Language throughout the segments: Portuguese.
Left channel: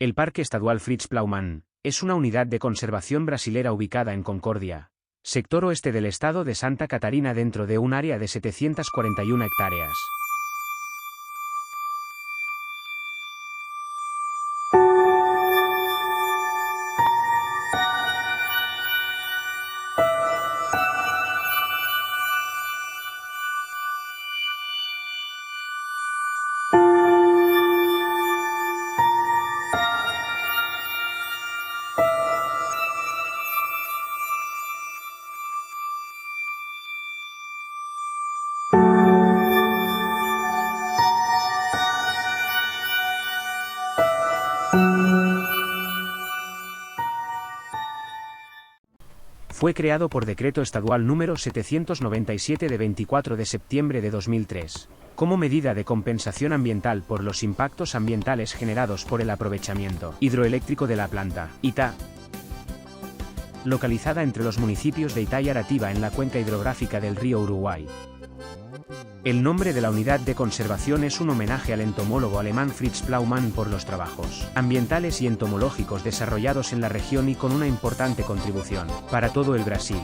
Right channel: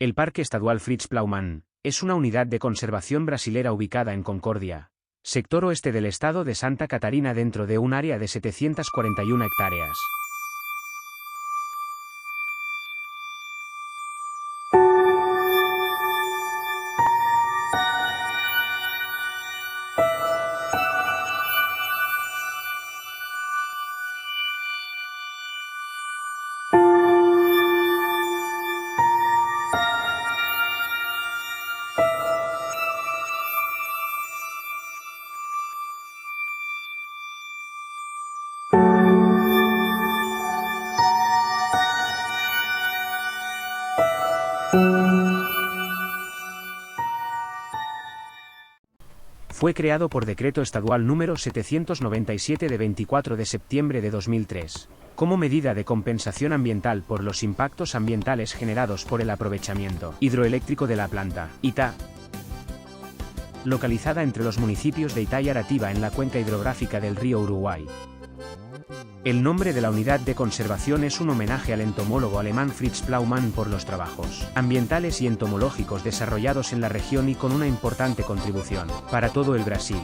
El Parque Estadual Fritz Plaumann es una unidad de conservación brasilera ubicada en Concordia, sector oeste del estado de Santa Catarina, dentro de un área de 741 hectáreas. Fue creado por Decreto Estadual número 797 de 24 de septiembre de 2003, como medida de compensación ambiental por los impactos ambientales generados por el aprovechamiento hidroeléctrico de la planta Itá, localizada entre los municipios de Itá y Aratiba en la cuenca hidrográfica del río Uruguay. El nombre de la unidad de conservación es un homenaje al entomólogo alemán Fritz Plaumann por los trabajos ambientales y entomológicos desarrollados en la región y con una importante contribución para todo el Brasil.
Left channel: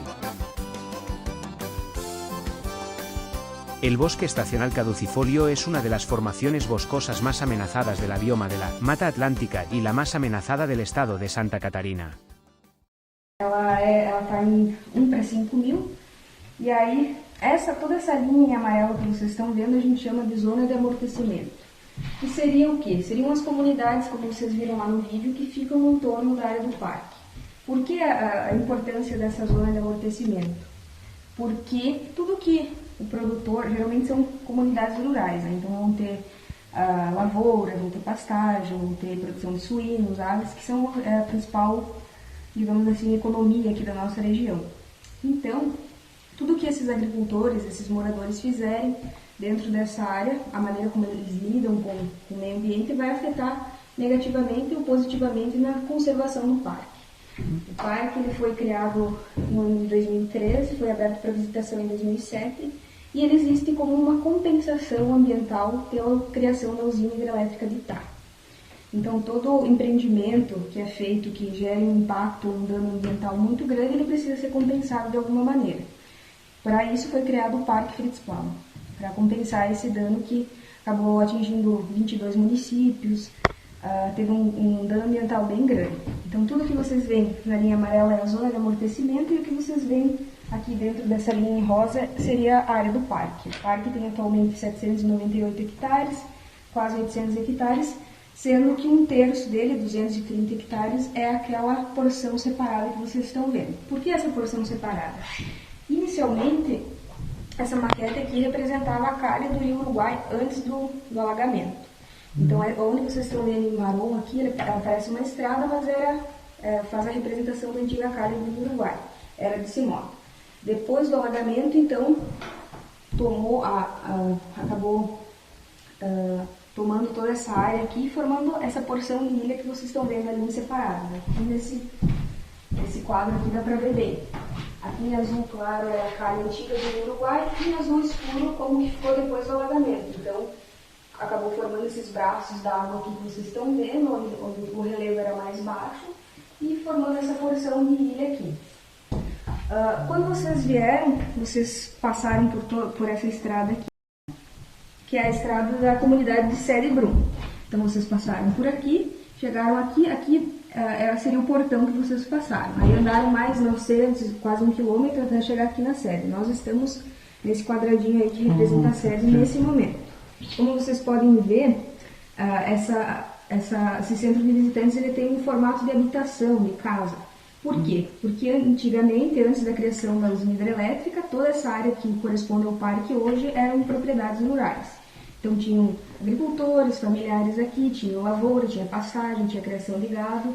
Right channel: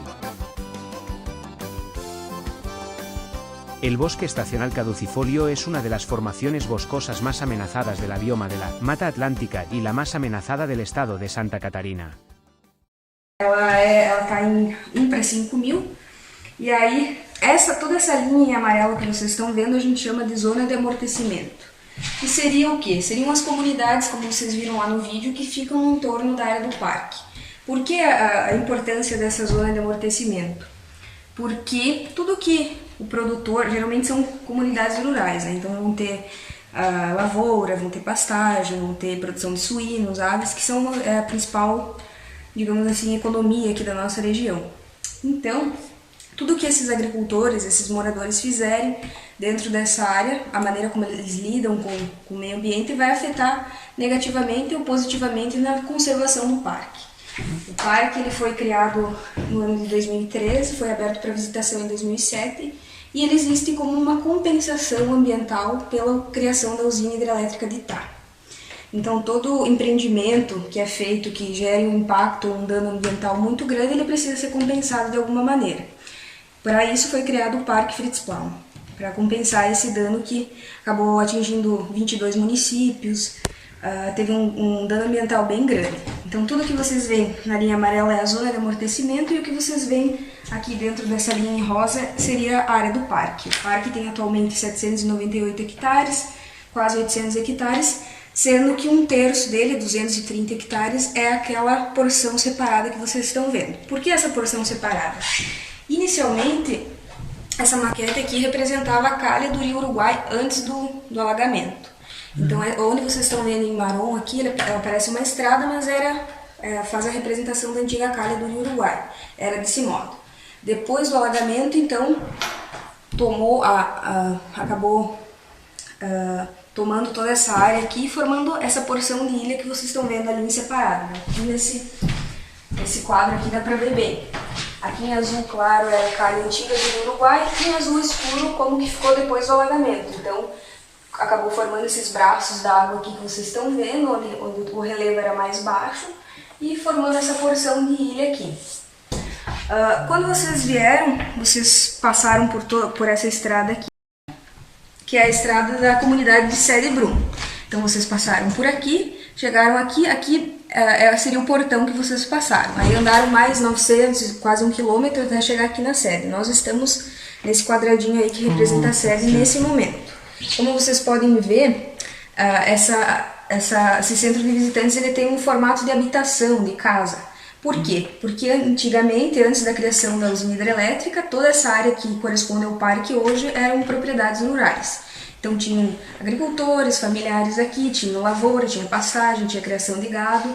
El bosque estacional caducifolio es una de las formaciones boscosas más amenazadas de la bioma de la Mata Atlântica y la más amenazada del estado de Santa Catarina. Ela está em 1 para 5.000, e aí toda essa linha amarela que vocês estão vendo a gente chama de zona de amortecimento. Que seria o quê? Seriam as comunidades, como vocês viram lá no vídeo, que ficam no entorno da área do parque. Por que a importância dessa zona de amortecimento? Porque tudo que o produtor, geralmente são comunidades rurais, né? Então vão ter lavoura, vão ter pastagem, vão ter produção de suínos, aves, que são a principal, digamos assim, economia aqui da nossa região. Então, tudo que esses agricultores, esses moradores fizerem dentro dessa área, a maneira como eles lidam com o meio ambiente vai afetar negativamente ou positivamente na conservação do parque. O parque ele foi criado no ano de 2013, foi aberto para visitação em 2007 e ele existe como uma compensação ambiental pela criação da usina hidrelétrica de Itá. Então todo empreendimento que é feito, que gere um impacto, um dano ambiental muito grande, ele precisa ser compensado de alguma maneira. Para isso foi criado o Parque Fritz Plaumann, para compensar esse dano que acabou atingindo 22 municípios, teve um dano ambiental bem grande. Então tudo que vocês veem na linha amarela é a zona de amortecimento e o que vocês veem aqui dentro dessa linha em rosa seria a área do parque. O parque tem atualmente 798 hectares, quase 800 hectares, sendo que 1/3 dele, 230 hectares, é aquela porção separada que vocês estão vendo. Por que essa porção separada? Inicialmente, essa maquete aqui representava a calha do rio Uruguai antes do alagamento. Então, onde vocês estão vendo em marrom aqui, ela parece uma estrada, mas faz a representação da antiga calha do rio Uruguai. Era desse modo. Depois do alagamento, então, acabou tomando toda essa área aqui, formando essa porção de ilha que vocês estão vendo ali separada. Né? Aqui nesse quadro aqui dá para ver bem. Aqui em azul claro é a calha antiga do Uruguai e em azul escuro como que ficou depois do alagamento. Então acabou formando esses braços d'água aqui que vocês estão vendo, onde o relevo era mais baixo, e formando essa porção de ilha aqui. Quando vocês vieram, vocês passaram por essa estrada aqui, que é a estrada da comunidade de Sede Brum. Então vocês passaram por aqui, chegaram aqui seria o portão que vocês passaram. Aí andaram mais 900, quase 1 quilômetro até chegar aqui na sede. Nós estamos nesse quadradinho aí que representa a sede nesse momento. Como vocês podem ver, esse centro de visitantes ele tem um formato de habitação, de casa. Por quê? Porque antigamente, antes da criação da usina hidrelétrica, toda essa área que corresponde ao parque hoje eram propriedades rurais. Então tinham agricultores, familiares aqui, tinha lavoura, tinha pastagem, tinha criação de gado.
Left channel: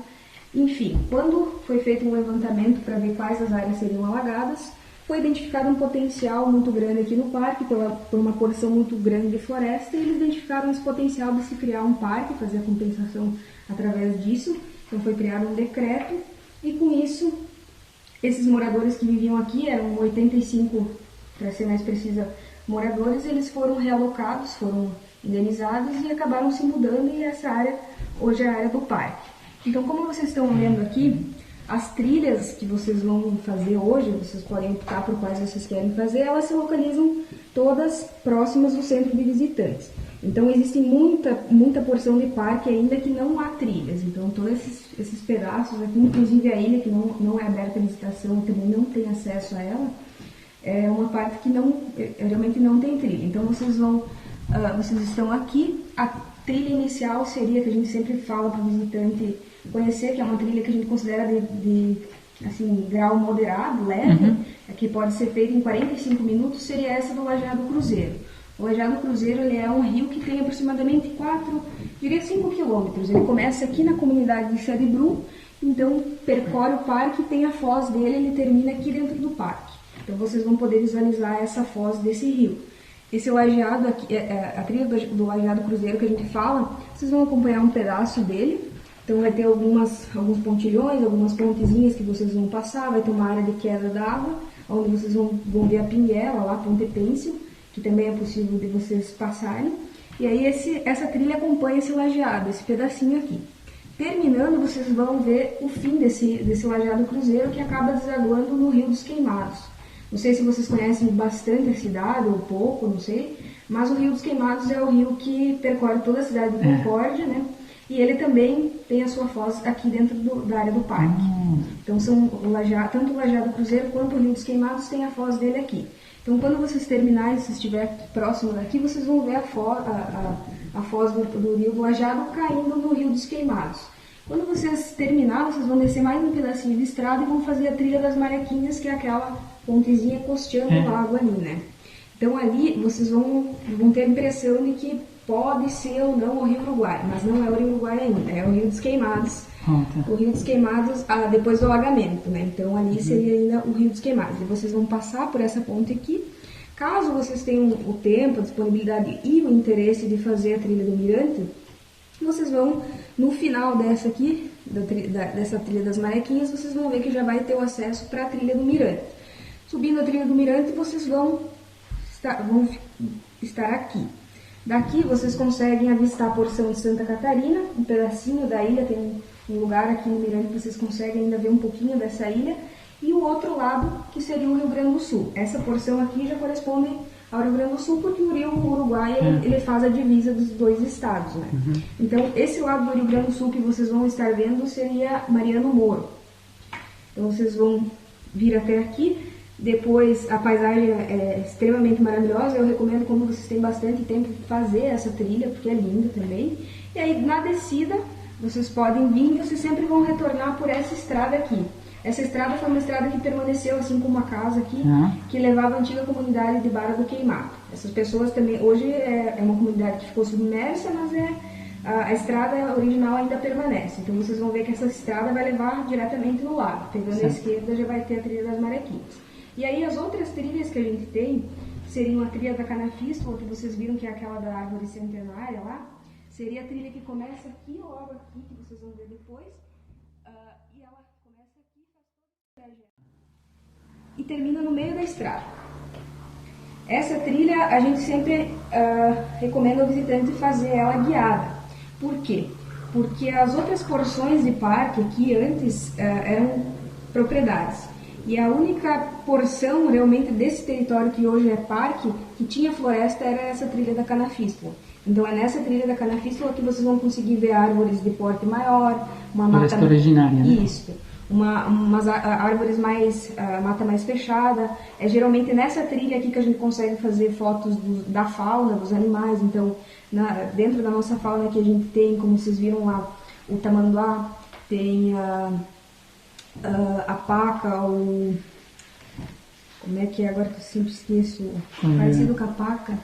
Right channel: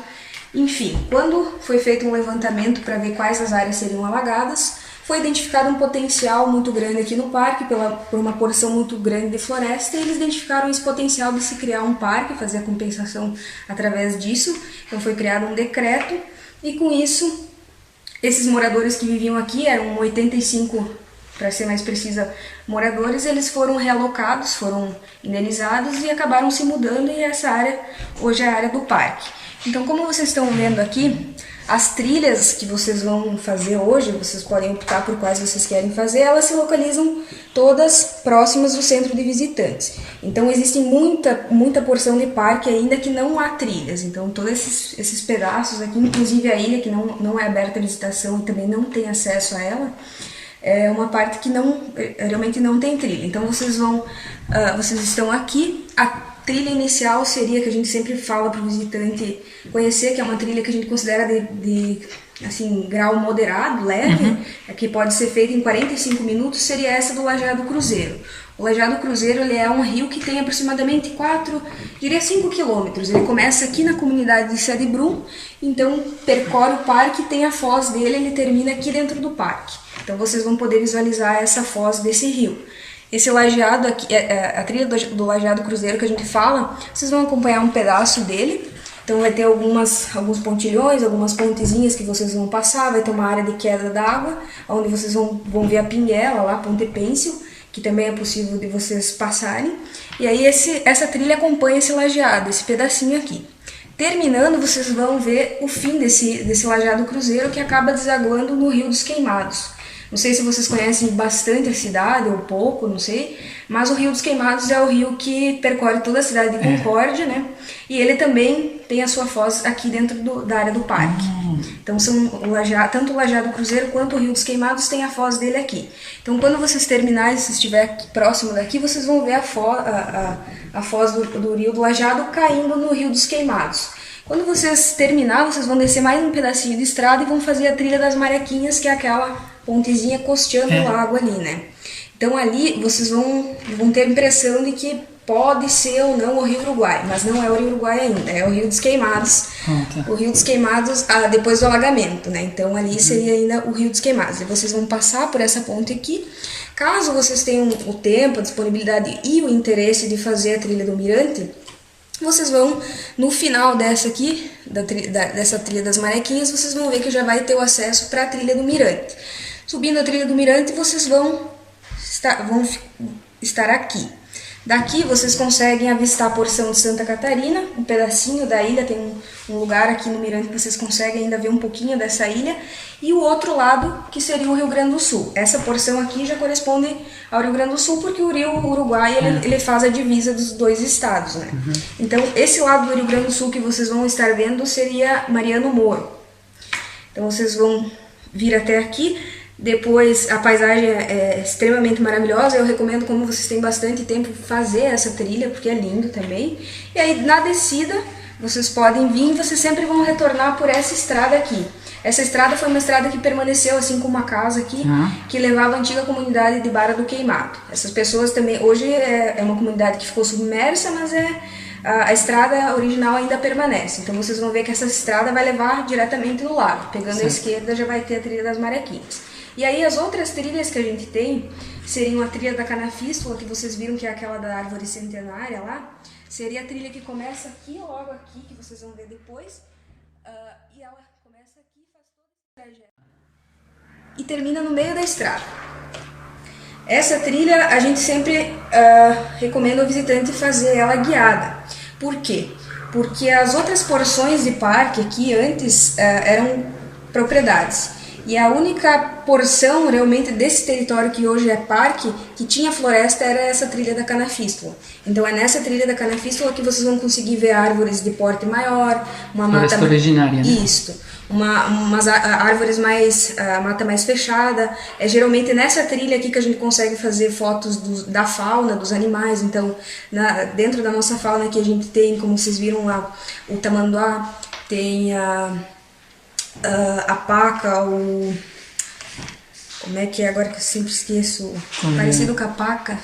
Enfim, quando foi feito um levantamento para ver quais as áreas seriam alagadas, foi identificado um potencial muito grande aqui no parque, por uma porção muito grande de floresta, e eles identificaram esse potencial de se criar um parque, fazer a compensação através disso. Então foi criado um decreto, e com isso, esses moradores que viviam aqui, eram 85 para ser mais precisa, moradores, eles foram realocados, foram indenizados e acabaram se mudando, e essa área hoje é a área do parque. Então, como vocês estão vendo aqui, as trilhas que vocês vão fazer hoje, vocês podem optar por quais vocês querem fazer, elas se localizam todas próximas do centro de visitantes. Então existe muita porção de parque ainda que não há trilhas. Então todos esses pedaços aqui, inclusive a ilha que não é aberta à visitação e também não tem acesso a ela, é uma parte que realmente não tem trilha. Então vocês estão aqui. A trilha inicial seria, que a gente sempre fala para o visitante conhecer, que é uma trilha que a gente considera de assim, grau moderado, leve, que pode ser feita em 45 minutos, seria essa do Lajeado Cruzeiro. O Lajeado Cruzeiro, ele é um rio que tem aproximadamente 5 quilômetros. Ele começa aqui na comunidade de Sede Brum, então percorre o parque, tem a foz dele, ele termina aqui dentro do parque. Então vocês vão poder visualizar essa foz desse rio. Esse lajeado aqui, a trilha do Lajeado Cruzeiro que a gente fala, vocês vão acompanhar um pedaço dele. Então vai ter alguns pontilhões, algumas pontezinhas que vocês vão passar, vai ter uma área de queda d'água, onde vocês vão ver a pinguela lá, Ponte Pêncil, que também é possível de vocês passarem. E aí essa trilha acompanha esse lajeado, esse pedacinho aqui. Terminando, vocês vão ver o fim desse Lajeado Cruzeiro, que acaba desaguando no Rio dos Queimados. Não sei se vocês conhecem bastante a cidade, ou pouco, não sei, mas o Rio dos Queimados é o rio que percorre toda a cidade de Concórdia, né? E ele também tem a sua foz aqui dentro da área do parque. Então, tanto o Lajeado Cruzeiro quanto o Rio dos Queimados tem a foz dele aqui. Então, quando vocês terminarem, se estiver aqui, próximo daqui, vocês vão ver a foz do Rio do Lajeado caindo no Rio dos Queimados. Quando vocês terminar, vocês vão descer mais um pedacinho de estrada e vão fazer a trilha das Marequinhas, que é aquela pontezinha costeando o lago ali, né? Então ali vocês vão ter a impressão de que pode ser ou não o Rio Uruguai, mas não é o Rio Uruguai ainda, é o Rio dos Queimados. O Rio dos Queimados depois do alagamento, né? Então ali seria ainda o Rio dos Queimados. E vocês vão passar por essa ponte aqui. Caso vocês tenham o tempo, a disponibilidade e o interesse de fazer a trilha do Mirante, vocês vão, no final dessa aqui, dessa trilha das Marequinhas, vocês vão ver que já vai ter o acesso para a trilha do Mirante. Subindo a trilha do Mirante, vocês vão estar aqui. Daqui vocês conseguem avistar a porção de Santa Catarina, um pedacinho da ilha, tem um lugar aqui no Mirante que vocês conseguem ainda ver um pouquinho dessa ilha. E o outro lado, que seria o Rio Grande do Sul. Essa porção aqui já corresponde ao Rio Grande do Sul, porque o Rio Uruguai ele faz a divisa dos dois estados, né? Então, esse lado do Rio Grande do Sul que vocês vão estar vendo seria Mariano Moro. Então, vocês vão vir até aqui. Depois, a paisagem é extremamente maravilhosa. Eu recomendo, como vocês têm bastante tempo, fazer essa trilha, porque é lindo também. E aí, na descida, vocês podem vir e vocês sempre vão retornar por essa estrada aqui. Essa estrada foi uma estrada que permaneceu, assim como uma casa aqui, que levava a antiga comunidade de Barra do Queimado. Essas pessoas também, hoje é uma comunidade que ficou submersa, mas a estrada original ainda permanece. Então vocês vão ver que essa estrada vai levar diretamente no lago. Pegando a esquerda já vai ter a trilha das Marequinhas. E aí as outras trilhas que a gente tem seriam a trilha da Canafístula, que vocês viram que é aquela da árvore centenária lá. Seria a trilha que começa aqui, logo aqui, que vocês vão ver depois. E ela começa aqui, faz todo esse trajeto e termina no meio da estrada. Essa trilha a gente sempre recomenda ao visitante fazer ela guiada. Por quê? Porque as outras porções de parque aqui antes eram propriedades. E a única porção realmente desse território que hoje é parque, que tinha floresta, era essa trilha da Canafístula. Então é nessa trilha da Canafístula que vocês vão conseguir ver árvores de porte maior, uma floresta mata originária, né? Isso. Umas árvores mais, mata mais fechada. É geralmente nessa trilha aqui que a gente consegue fazer fotos da fauna, dos animais. Então, dentro da nossa fauna que a gente tem, como vocês viram lá, o tamanduá, tem a paca, como é que é agora que eu sempre esqueço? Parecido com a paca.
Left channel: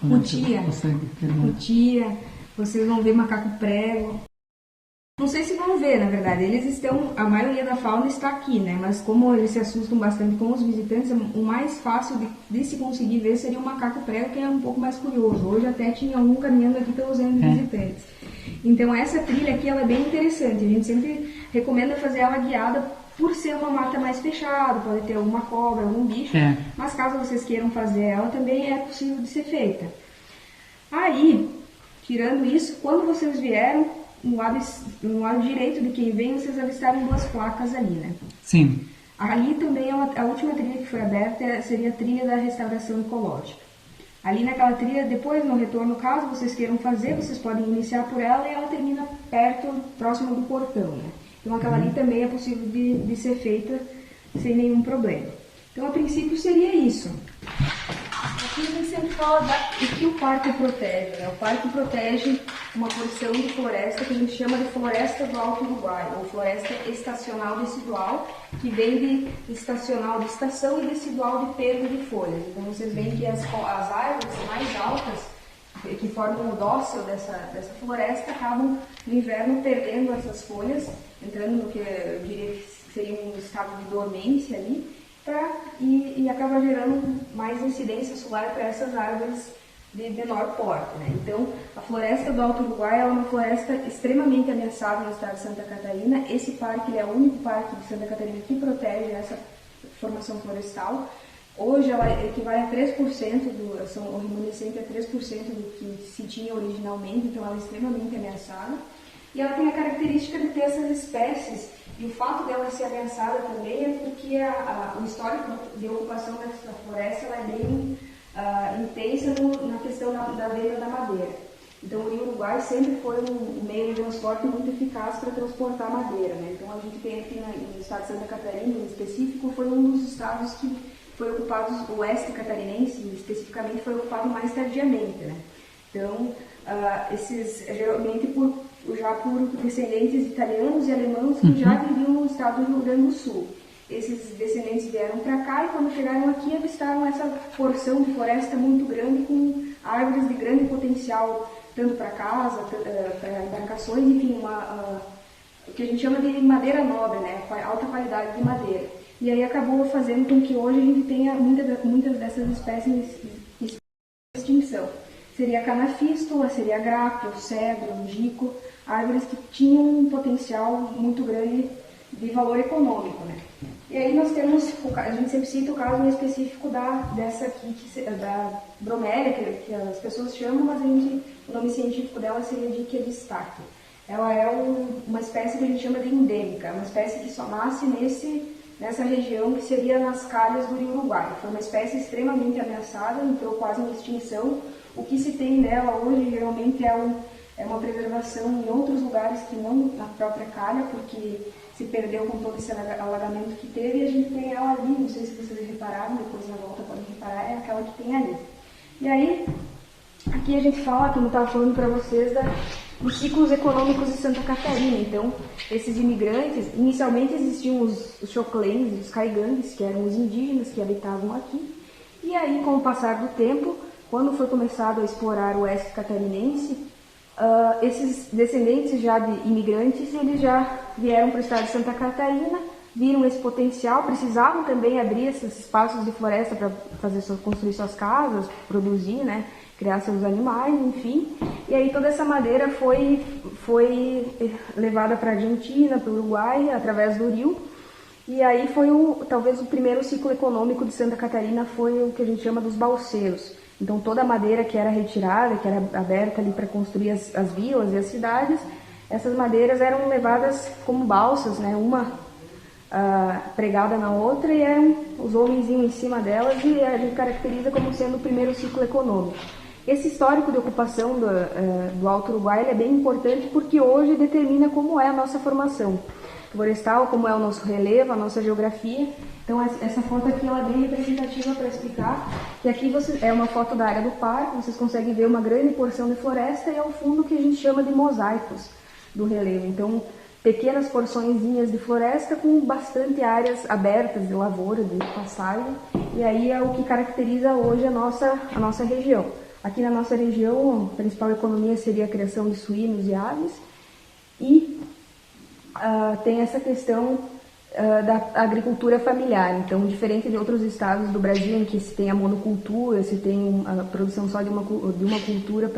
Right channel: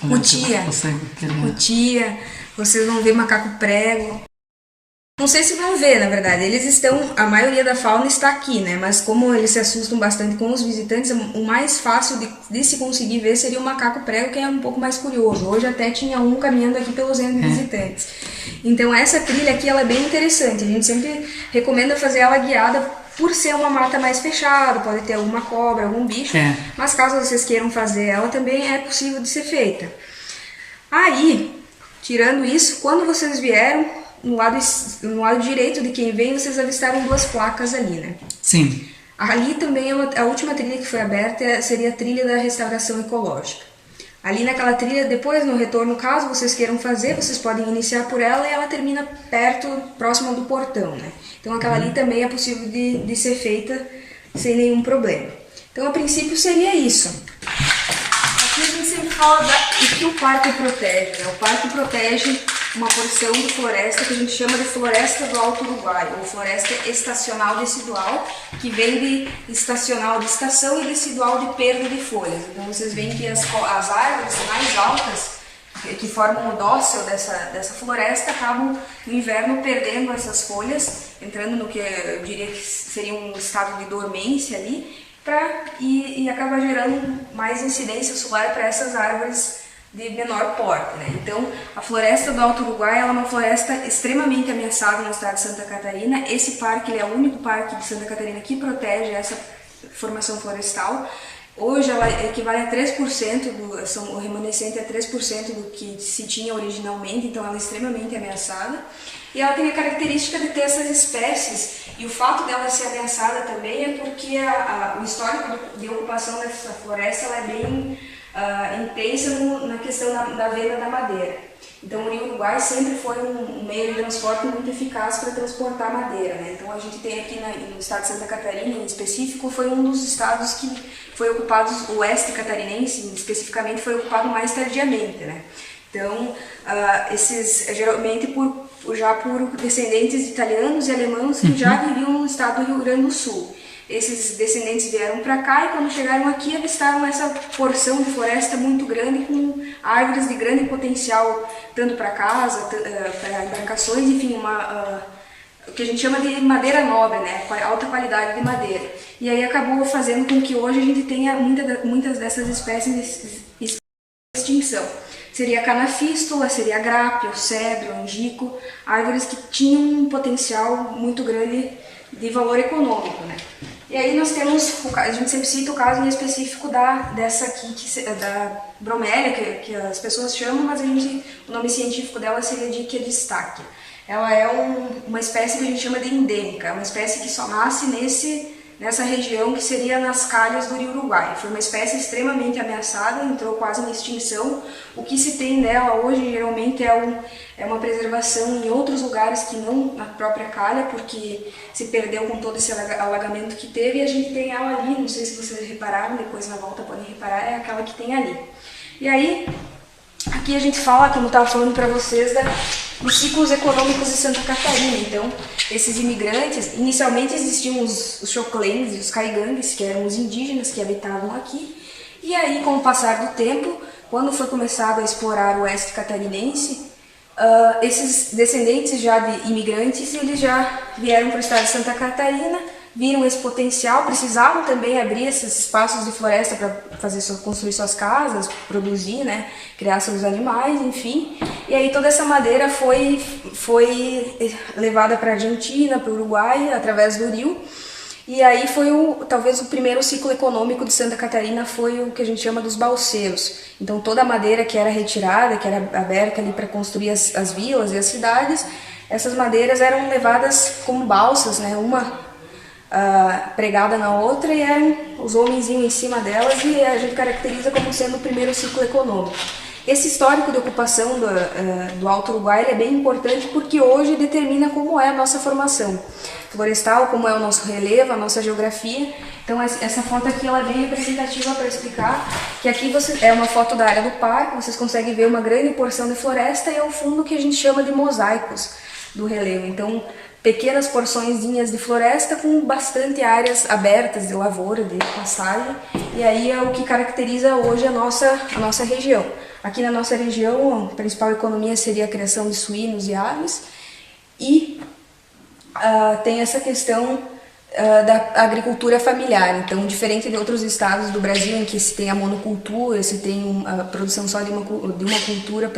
Cutia. Cutia. Vocês vão ver macaco prego. Não sei se vão ver, na verdade, a maioria da fauna está aqui, né? Mas como eles se assustam bastante com os visitantes, o mais fácil de se conseguir ver seria o macaco prego, que é um pouco mais curioso. Hoje até tinha um caminhando aqui pelos centros de visitantes. Então essa trilha aqui, ela é bem interessante, a gente sempre recomenda fazer ela guiada por ser uma mata mais fechada, pode ter alguma cobra, algum bicho, mas caso vocês queiram fazer ela também é possível de ser feita. Aí, tirando isso, quando vocês vieram, no lado direito de quem vem, vocês avistaram 2 placas ali, né? Sim. Ali também a última trilha que foi aberta seria a trilha da restauração ecológica. Ali naquela trilha, depois no retorno, caso vocês queiram fazer, vocês podem iniciar por ela e ela termina perto, próxima do portão, né? Então aquela ali também é possível de ser feita sem nenhum problema. Então a princípio seria isso. Aqui a gente sempre fala do que o parque protege, né? O parque protege uma porção de floresta que a gente chama de floresta do Alto Uruguai, ou floresta estacional decidual, que vem de estacional de estação e decidual de perda de folhas. Então vocês veem que as árvores mais altas, que formam o dócil dessa floresta, acabam no inverno perdendo essas folhas, entrando no que eu diria que seria um estado de dormência ali, e acaba gerando mais incidência solar para essas árvores de menor porte, né? Então, a floresta do Alto Uruguai ela é uma floresta extremamente ameaçada no estado de Santa Catarina. Esse parque ele é o único parque de Santa Catarina que protege essa formação florestal. Hoje ela equivale a 3%, o remanescente é 3% do que se tinha originalmente, então ela é extremamente ameaçada. E ela tem a característica de ter essas espécies, e o fato dela ser ameaçada também é porque o histórico de ocupação dessa floresta ela é bem intensa na questão da venda da madeira. Então o Rio Uruguai sempre foi um meio de transporte muito eficaz para transportar madeira, né? Então a gente tem aqui no estado de Santa Catarina, em específico, foi um dos estados que foi ocupado, o oeste catarinense especificamente, foi ocupado mais tardiamente, né? Então, geralmente já por descendentes de italianos e alemãos que já viviam no estado do Rio Grande do Sul. Esses descendentes vieram para cá e quando chegaram aqui avistaram essa porção de floresta muito grande com árvores de grande potencial, tanto para casa, para embarcações, enfim, o que a gente chama de madeira nobre, né? Alta qualidade de madeira. E aí acabou fazendo com que hoje a gente tenha muitas dessas espécies de extinção. Seria a canafístula, seria a grápio, cedro, angico, árvores que tinham um potencial muito grande de valor econômico, né? E aí nós temos, a gente sempre cita o caso em específico dessa aqui, da bromélia, que as pessoas chamam, mas o nome científico dela seria Dickia disticha. Ela é uma espécie que a gente chama de endêmica, uma espécie que só nasce nessa região que seria nas calhas do Rio Uruguai. Foi uma espécie extremamente ameaçada, entrou quase em extinção. O que se tem dela hoje geralmente é uma preservação em outros lugares que não na própria calha, porque se perdeu com todo esse alagamento que teve, e a gente tem ela ali, não sei se vocês repararam, depois na volta podem reparar, é aquela que tem ali. E aí, aqui a gente fala, como eu estava falando para vocês, dos ciclos econômicos de Santa Catarina. Então, esses imigrantes, inicialmente existiam os choclenses e os caigangues, que eram os indígenas que habitavam aqui, e aí, com o passar do tempo, quando foi começado a explorar o oeste catarinense, esses descendentes já de imigrantes, eles já vieram para o estado de Santa Catarina, viram esse potencial, precisavam também abrir esses espaços de floresta para construir suas casas, produzir, né, criar seus animais, enfim. E aí toda essa madeira foi levada para a Argentina, para o Uruguai, através do rio. E aí talvez o primeiro ciclo econômico de Santa Catarina foi o que a gente chama dos balseiros. Então toda a madeira que era retirada, que era aberta ali para construir as vilas e as cidades, essas madeiras eram levadas como balsas, né, uma pregada na outra, e eram os homens iam em cima delas, e a gente caracteriza como sendo o primeiro ciclo econômico. Esse histórico de ocupação do Alto Uruguai é bem importante porque hoje determina como é a nossa formação florestal, como é o nosso relevo, a nossa geografia. Então essa foto aqui ela é bem representativa para explicar que aqui é uma foto da área do parque, vocês conseguem ver uma grande porção de floresta e ao fundo que a gente chama de mosaicos do relevo. Então pequenas porçõezinhas de floresta com bastante áreas abertas de lavoura, de pastagem, e aí é o que caracteriza hoje a nossa região. Aqui na nossa região, a principal economia seria a criação de suínos e aves, e tem essa questão da agricultura familiar. Então, diferente de outros estados do Brasil em que se tem a monocultura, se tem a produção só de uma cultura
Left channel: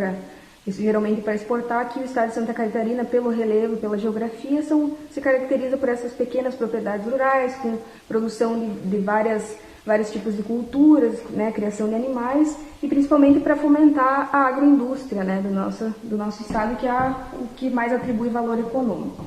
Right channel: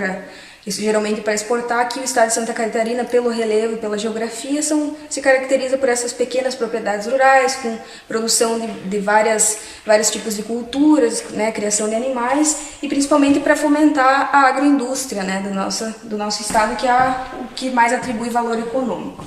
Isso geralmente para exportar. Aqui o estado de Santa Catarina, pelo relevo e pela geografia, se caracteriza por essas pequenas propriedades rurais, com produção de vários tipos de culturas, né, criação de animais, e principalmente para fomentar a agroindústria, né, do nosso estado, que é o que mais atribui valor econômico.